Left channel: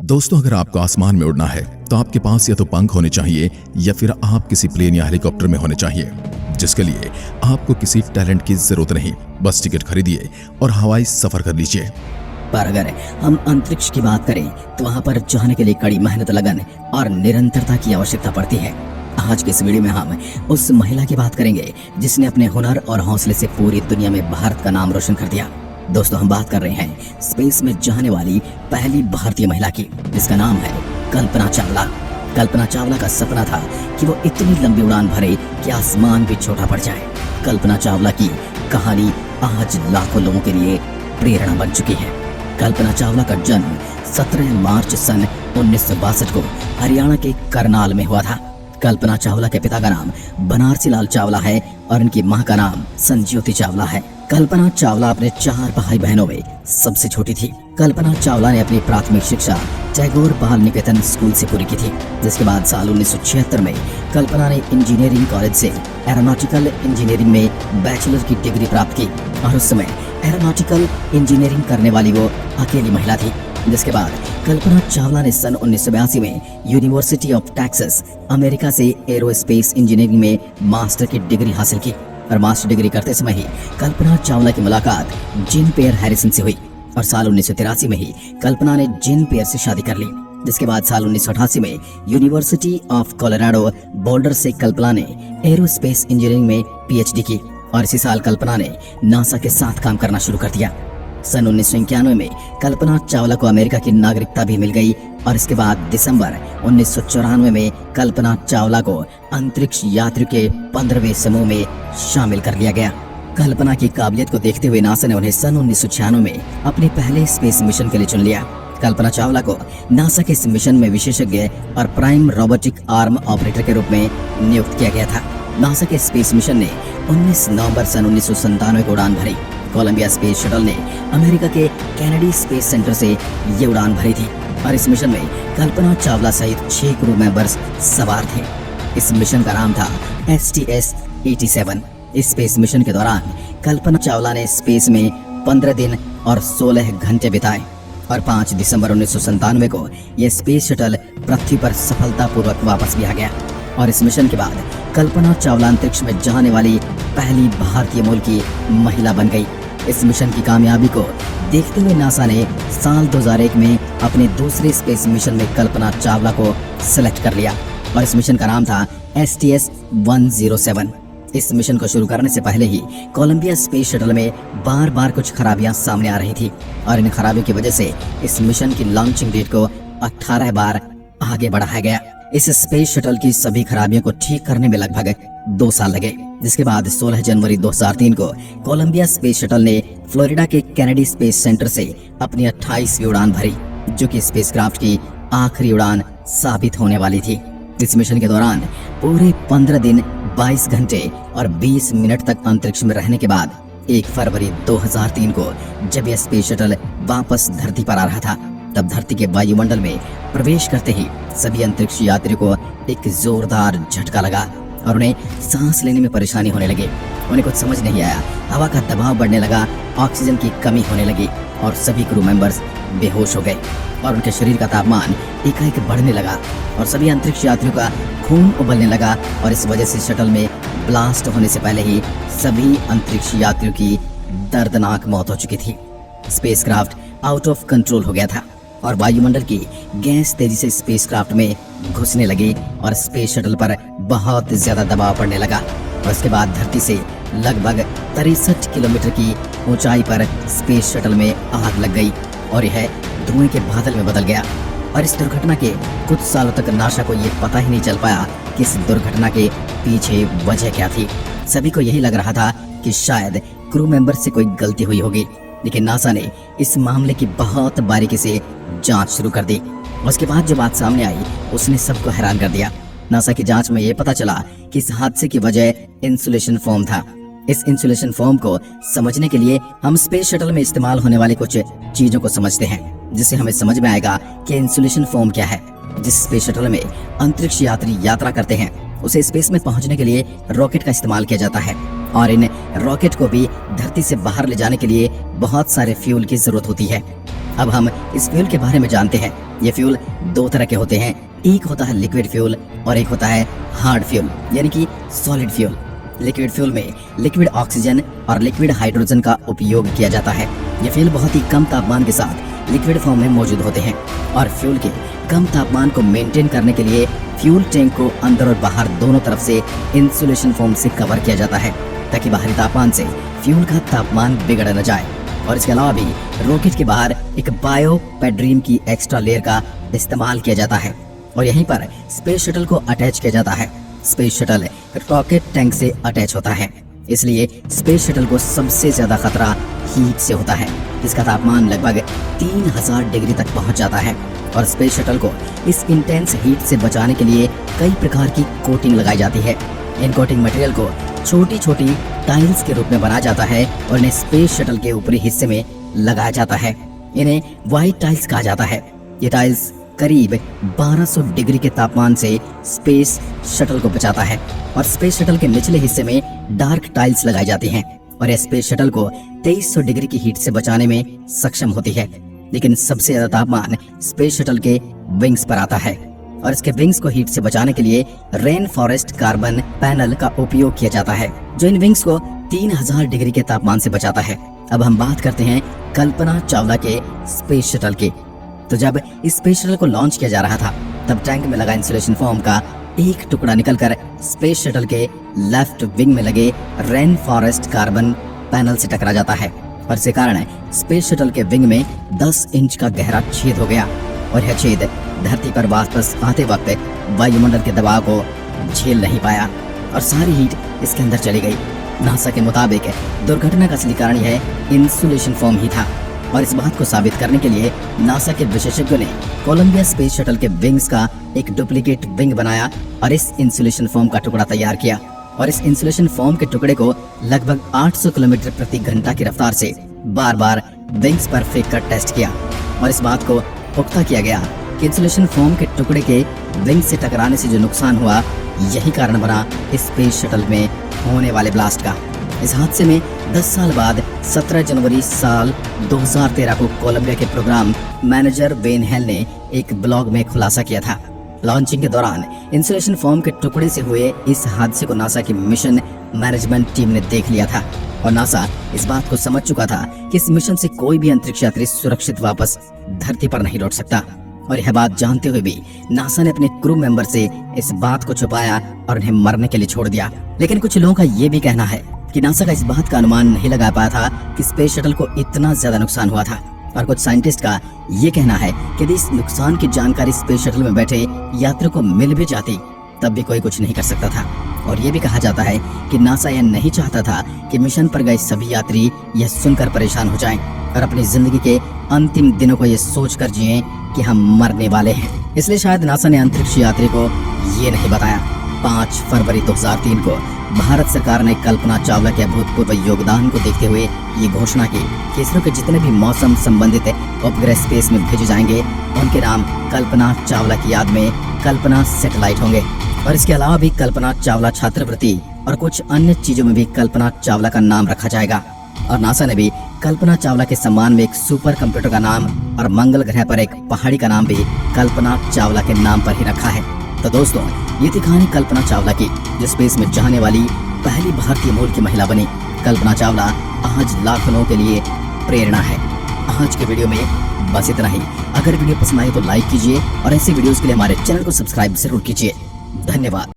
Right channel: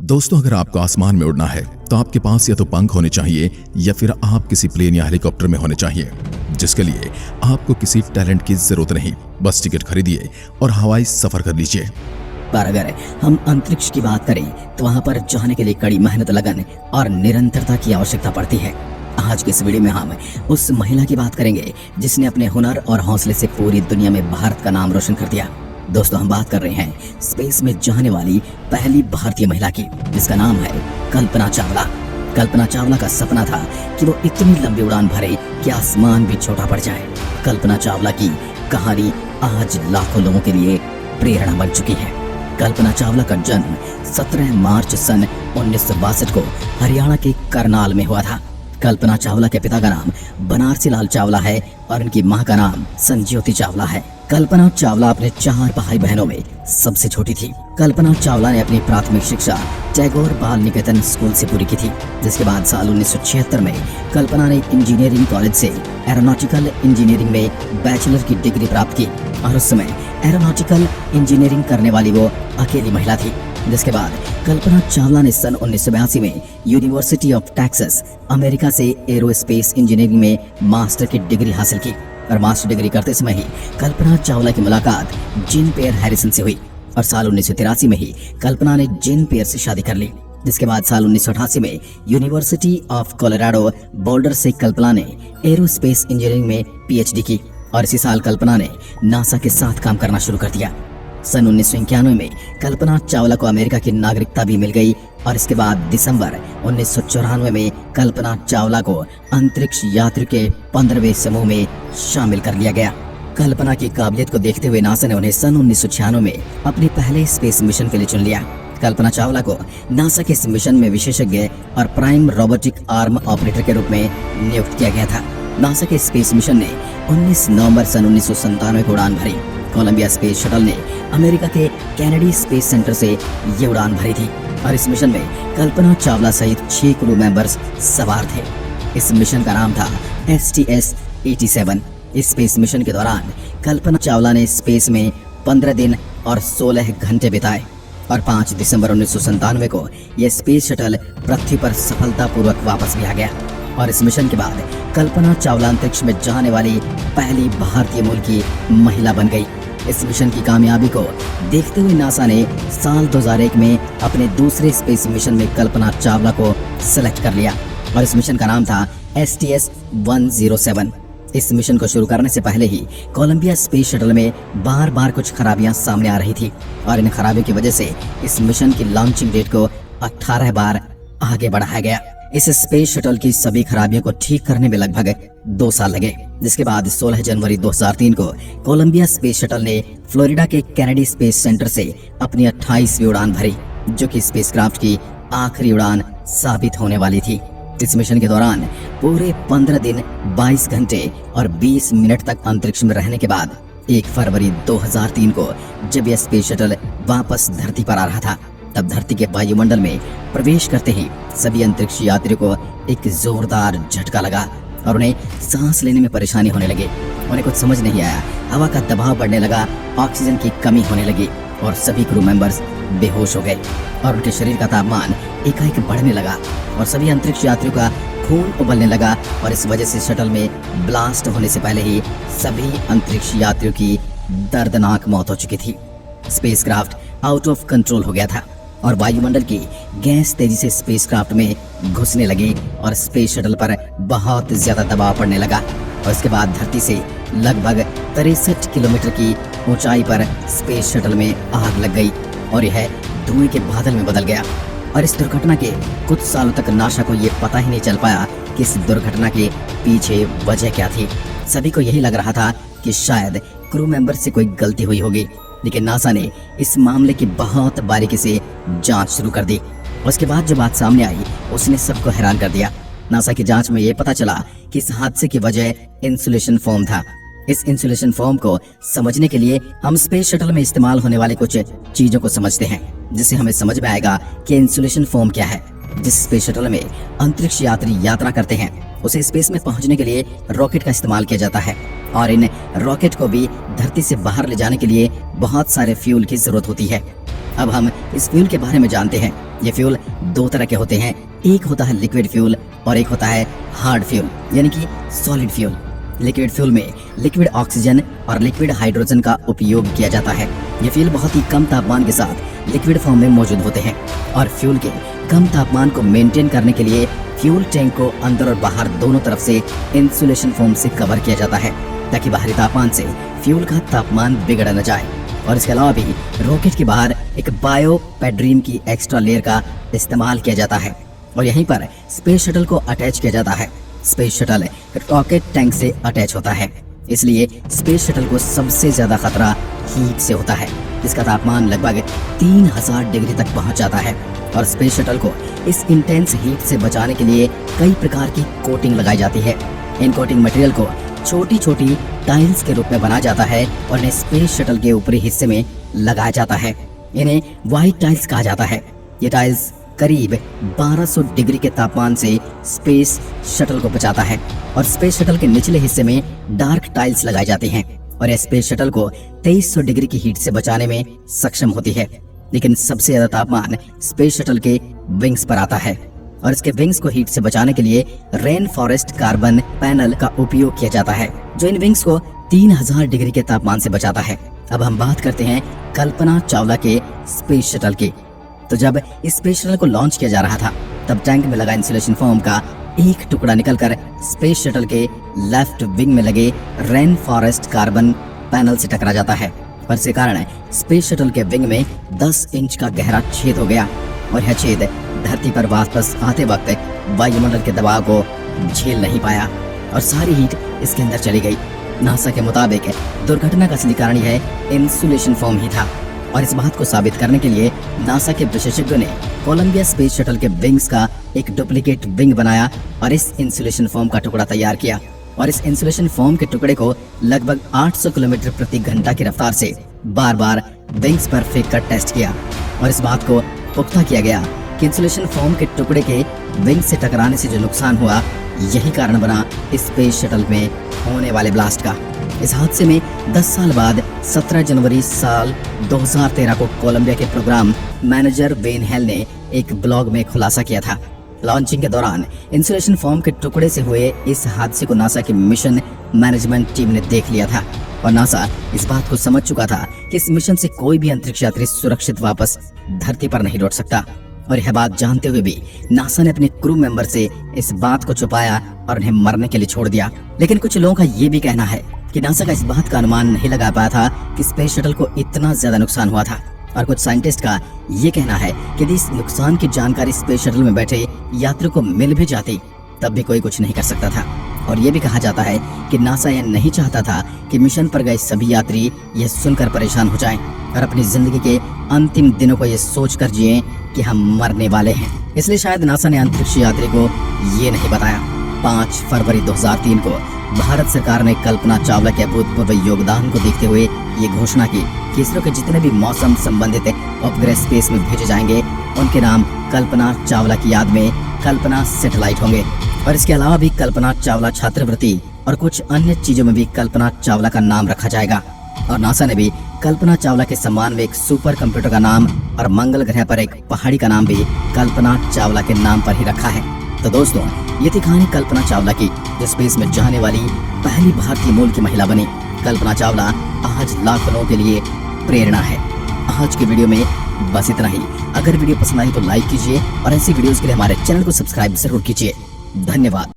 दोस्तों, अगर आपको आसमान में उड़ना है तो आपके पास या तो पंख होने चाहिए या फिर आप किसी प्लेन या हेलीकॉप्टर में होने चाहिए, जिसके लिए आपको किसी टैलेंट की जरूरत नहीं। बस टिकट खरीदिए और हवाई सफर कर लीजिए। पर अगर हम अंतरिक्ष की बात करें तो वहाँ पर जाने के लिए कड़ी मेहनत, लगन और निरंतरता की आवश्यकता पड़ती है। आज की इस वीडियो में हम उस महिला की बात करेंगे जिसने अपने हुनर और हौसले से पूरी दुनिया में भारत का नाम रोशन कर दिया। दोस्तों, हम बात कर रहे हैं स्पेस में जाने वाली पहली भारतीय महिला की, जिसका नाम है कल्पना चावला। कल्पना चावला का सपना था कि वो इतनी लंबी उड़ान भरे कि आसमान भी छोटा पड़ जाए। कल्पना चावला की कहानी आज लाखों लोगों के लिए प्रेरणा बन चुकी है। कल्पना चावला का जन्म 17 मार्च सन 1962 को हरियाणा के करनाल में हुआ था। कल्पना चावला के पिता का नाम बनारसी लाल चावला है और उनकी मां का नाम संज्योति चावला है। कल्पना चावला अपने 4 भाई बहनों में सबसे छोटी थी। कल्पना चावला ने अपनी प्राथमिक शिक्षा टैगोर बाल निकेतन स्कूल से पूरी की थी, जिसके बाद साल 1976 में कल्पना ने इंजीनियरिंग कॉलेज से एरोनॉटिकल इंजीनियरिंग में बैचलर की डिग्री प्राप्त की और उस समय एरोनॉटिकल इंजीनियरिंग करने वाली वो अकेली महिला थी। जिसके बाद कल्पना चावला ने सन 1982 में यूनिवर्सिटी ऑफ टेक्सास अमेरिका से एरोस्पेस इंजीनियरिंग में मास्टर की डिग्री हासिल की और मास्टर डिग्री करते समय ही कल्पना चावला की मुलाकात जीन पियर हैरिसन से हुई और साल 1983 में ही कल्पना ने जीन पियर से शादी कर ली। जिसके बाद साल 1988 में यूनिवर्सिटी ऑफ कोलोराडो बोल्डर से कल्पना ने एरोस्पेस इंजीनियरिंग में पीएचडी की और इसी साल कल्पना ने नासा के साथ काम करना शुरू कर दिया। सन 1991 में कल्पना चावला को अमेरिका की नागरिकता भी मिल गई और इसके बाद दिसंबर 1994 में कल्पना चावला को अंतरिक्ष यात्री के 15वें समूह में शामिल कर लिया गया। कल्पना की काबिलियत को देखते हुए नासा ने उन्हें सन 1996 में अपने पहले स्पेस मिशन के लिए चुन लिया। कल्पना चावला को नासा के इस मिशन में विशेषज्ञ और प्राइम रोबोटिक आर्म ऑपरेटर के रूप में नियुक्त किया गया था। नासा के स्पेस मिशन ने 19 नवंबर सन 1997 को उड़ान भरी। कोलंबिया स्पेस शटल ने अमेरिका के कैनेडी स्पेस सेंटर से ये उड़ान भरी थी और इस मिशन में कल्पना चावला सहित 6 क्रू मेंबर्स सवार थे। इस मिशन का नाम था STS-87। इस स्पेस मिशन के दौरान कल्पना चावला ने स्पेस में 15 दिन और 16 घंटे बिताए और 5 दिसंबर 1997 को यह स्पेस शटल पृथ्वी पर सफलतापूर्वक वापस भी आ गया और इस मिशन के बाद कल्पना चावला अंतरिक्ष में जाने वाली पहली भारतीय मूल की महिला बन गई। इस मिशन की कामयाबी को देखते हुए नासा ने साल 2001 में अपने दूसरे स्पेस मिशन में कल्पना चावला को सिलेक्ट कर लिया और इस मिशन का नाम था STS-107। इस मिशन को शुरू करने से पहले ही कोलंबिया स्पेस शटल में बार बार कुछ खराबियां सामने आ रही थी और इन खराबियों की वजह से इस मिशन की लॉन्चिंग डेट को 18 बार आगे बढ़ाया गया। इस स्पेस शटल की सभी खराबियों को ठीक करने में लगभग 2 साल लगे, जिसके बाद 16 जनवरी 2003 को कोलंबिया स्पेस शटल ने फ्लोरिडा के कैनेडी स्पेस सेंटर से अपनी 28वीं उड़ान भरी, जो कि स्पेसक्राफ्ट की आखिरी उड़ान साबित होने वाली थी। इस मिशन के दौरान पूरे 15 दिन 22 घंटे और 20 मिनट तक अंतरिक्ष में रहने के बाद 1 फरवरी 2003 को जब यह स्पेस शटल वापस धरती पर आ रहा था, तब धरती के वायुमंडल में प्रवेश करते ही सभी अंतरिक्ष यात्रियों को एक जोरदार झटका लगा और उन्हें सांस लेने में परेशानी होने लगी। उन्हें कुछ समझ नहीं आया, हवा का दबाव बढ़ने लगा, ऑक्सीजन की कमी होने लगी और सभी क्रू मेंबर्स बेहोश हो गए और उनके शरीर का तापमान एकाएक बढ़ने लगा और सभी अंतरिक्ष यात्रियों का खून उबलने लगा और इस वजह से शटल में ब्लास्ट होने से पहले ही सभी अंतरिक्ष यात्रियों की दर्दनाक मौत हो चुकी थी। स्पेसक्राफ्ट आउट ऑफ कंट्रोल हो गया था और वायुमंडल की गैस तेजी से स्पेसक्राफ्ट में घुसने लगी और स्पेस शटल पर बहुत ज्यादा दबाव पड़ने लगा और उसके बाद धरती से लगभग 63 किलोमीटर की ऊंचाई पर स्पेस शटल में आग लग गई और यह धुएं के बादल में बदल गया। और इस दुर्घटना के कुछ सालों तक नासा को यह पता ही नहीं चल पाया कि इस दुर्घटना के पीछे वजह क्या थी। सभी को यही लग रहा था कि शायद क्रू मेंबर से कोई गलती हुई होगी, लेकिन नासा ने इस मामले की बहुत बारीकी से जांच शुरू कर दी। उसके बाद जो बात सामने आई उसने सबको हैरान कर दिया। नासा की जांच में यह पता चला कि इस हादसे की वजह इंसुलेशन फोम था। इस इंसुलेशन फोम को समझने के लिए हम स्पेस शटल में इस्तेमाल होने वाली कुछ चीजों को समझते हैं, जिससे हमें समझ में आएगा कि इंसुलेशन फोम क्या है। जिस स्पेस शटल में अंतरिक्ष यात्री यात्रा करते हैं उसे स्पेस में पहुंचने के लिए रॉकेट का इस्तेमाल किया जाता है और इन रॉकेट को भी धरती से बाहर ले जाने के लिए बहुत सारे फ्यूल की जरूरत होती है। अब हम इस फ्यूल के बारे में जानते हैं। ये फ्यूल दो तरह के होते हैं, एक होता है लिक्विड फ्यूल और एक होता है हार्ड फ्यूल यानी कि सॉलिड फ्यूल। लिक्विड फ्यूल में लिक्विड ऑक्सीजन और लिक्विड हाइड्रोजन का उपयोग किया जाता है। ये फ्यूल बहुत ही कम तापमान के साथ लिक्विड फॉर्म में मौजूद होते हैं और फ्यूल के कम तापमान को मेंटेन करने के लिए फ्यूल टैंक को अंदर और बाहर दोनों तरफ से इंसुलेशन फोम से कवर किया जाता है ताकि बाहरी तापमान से फ्यूल का तापमान बिगड़ न जाए। और इसके अलावा भी रॉकेट के बाहर एक बायोपेड्रीम की एक्स्ट्रा लेयर का इस्तेमाल किया जाता है और यहीं पर स्पेस शटल को अटैच किया जाता है। स्पेस शटल रॉकेट टैंक से अटैच होता है, इसलिए स्पेस शटल को सबसे ज्यादा खतरा हीट से होता है। इसका तापमान लगभग 3000 डिग्री तक पहुंच जाता है और स्पेस शटल को इस इंटेंस हीट से बचाने के लिए कई प्रकार की कोटिंग लगाई जाती है। इन कोटिंग मटेरियल को छोटी छोटी टाइल्स के रूप में बनाया जाता है और इन्हें स्पेस शटल के ऊपरी हिस्से में लगाया जाता है। इन्हें व्हाइट टाइल्स कहा जाता है। ये टाइल्स करीब 1200 डिग्री के तापमान से स्पेस शटल को बचाता है और स्पेस शटल के निचले हिस्से में डार्क टाइल्स लगाई जाती हैं और यह स्पेस शटल को 2300 डिग्री की हीट से बचाने में सक्षम होती है। लेकिन सबसे ज्यादा तापमान स्पेस शटल के विंग्स पर आता है और इसके विंग्स को हीट से बचाने के लिए रेन फॉरेस्ट कार्बन पैनल का उपयोग किया जाता है जो इन विंग्स को 3000 डिग्री के तापमान से बचाता है। अब हम बात करते हैं कल्पना चावला के स्पेस शटल की। तो जब इस स्पेस शटल को लॉन्च किया जा रहा था तब टैंक में लगा इंसुलेशन फोम का एक टुकड़ा निकलकर स्पेस शटल के लेफ्ट विंग में लगे रेन फॉरेस्ट कार्बन पैनल से टकरा जाता है और इसी कारण स्पेस शटल के विंग में 10 इंच का गहरा छेद हो गया और यह छेद धरती पर वापस आते वक्त वायुमंडल के दबाव को झेल नहीं पाया और सारी हीट इसके अंदर चली गई। नासा के मुताबिक दुर्घटना का असली कारण यह इंसुलेशन फोम ही था और इस बात को साबित करने के लिए नासा के विशेषज्ञों ने कोलंबिया स्पेस शटल के विंग्स का एक डुप्लीकेट विंग बनाया और इस इंसुलेशन फोम का टुकड़ा तैयार किया और इस इंसुलेशन फोम के टुकड़े को लगभग 800 किलोमीटर प्रति घंटा की रफ्तार से बार बार विंग्स पर फेंक कर टेस्ट किया और इस बात को पुख्ता किया गया कि इंसुलेशन फोम के टुकड़े के विंग से टकराने से जो नुकसान हुआ यही कारण बना स्पेस शटल में होने वाले ब्लास्ट का। इस हादसे में 10 साल बाद 17 जनवरी साल 2013 को कोलंबिया के प्रोग्राम मैनेजर वेन हेल ने एक ब्लॉग में खुलासा किया था। लॉन्चिंग के दौरान इंसुलेशन फोम के टुकड़े से हुए इस हादसे को नासा की मिशन मैनेजमेंट टीम ने देख लिया था और नासा इस बात को समझ चुका था कि इस मिशन से कोई भी अंतरिक्ष यात्री सुरक्षित वापस धरती पर नहीं लौट सकता और यह बात जानते हुए भी नासा ने अपने क्रू मेंबर से इस बात को छुपाया और उन्हें मरने के लिए छोड़ दिया। लेकिन कुछ लोगों का ये भी कहना है कि नासा का इस बात का अनुमान नहीं लगा पाया था कि स्पेस शटल को इतना ज्यादा नुकसान हुआ था और कुछ साइंटिस्ट का ये कहना है कि यदि इस नुकसान की जानकारी स्पेस शटल में बैठे यात्रियों को मिल भी जाती तब भी कोई कुछ नहीं कर सकता था। और ये भी कहा जाता है कि नासा यह नहीं चाहता था कि मिशन पर गए सभी यात्री यह सुनकर परेशान हो जाएं और अपनी जिंदगी के अंतिम दिनों को यह सोचकर जिए कि हम मरने वाले हैं। इसलिए शायद नासा ने अंतरिक्ष यात्री को ये नहीं बताया। 5 फरवरी 2003 को भारत सरकार ने कल्पना चावला के अभूतपूर्व योगदान को देखते हुए ये घोषणा की कि इसरो के जितने भी मौसम संबंधित उपग्रह स्पेस में भेजे जाएंगे उनके नाम कल्पना चावला की याद में कल्पना सैटेलाइट होंगे और इसके अलावा भी कल्पना चावला छात्रवृत्ति और कुछ अन्य चीजों में भी कल्पना चावला का नाम रखा जाएगा। और नासा ने भी कल्पना चावला के सम्मान में एक सुपर कंप्यूटर का नाम और मंगल ग्रह पर एक पहाड़ी का नाम भी कल्पना चावला के नाम पर ही रखा है। तो दोस्तों, ये थी कहानी कल्पना चावला की जो स्पेस में जाने वाली पहली भारतीय मूल की महिला बनी। कल्पना चावला आज लाखों लोगों के लिए प्रेरणा है। आज की वीडियो में बस इतना ही। अगर वीडियो पसंद आई तो लाइक कीजिए और ऐसी वीडियोस के लिए हमारे चैनल को सब्सक्राइब जरूर कीजिए। धन्यवाद।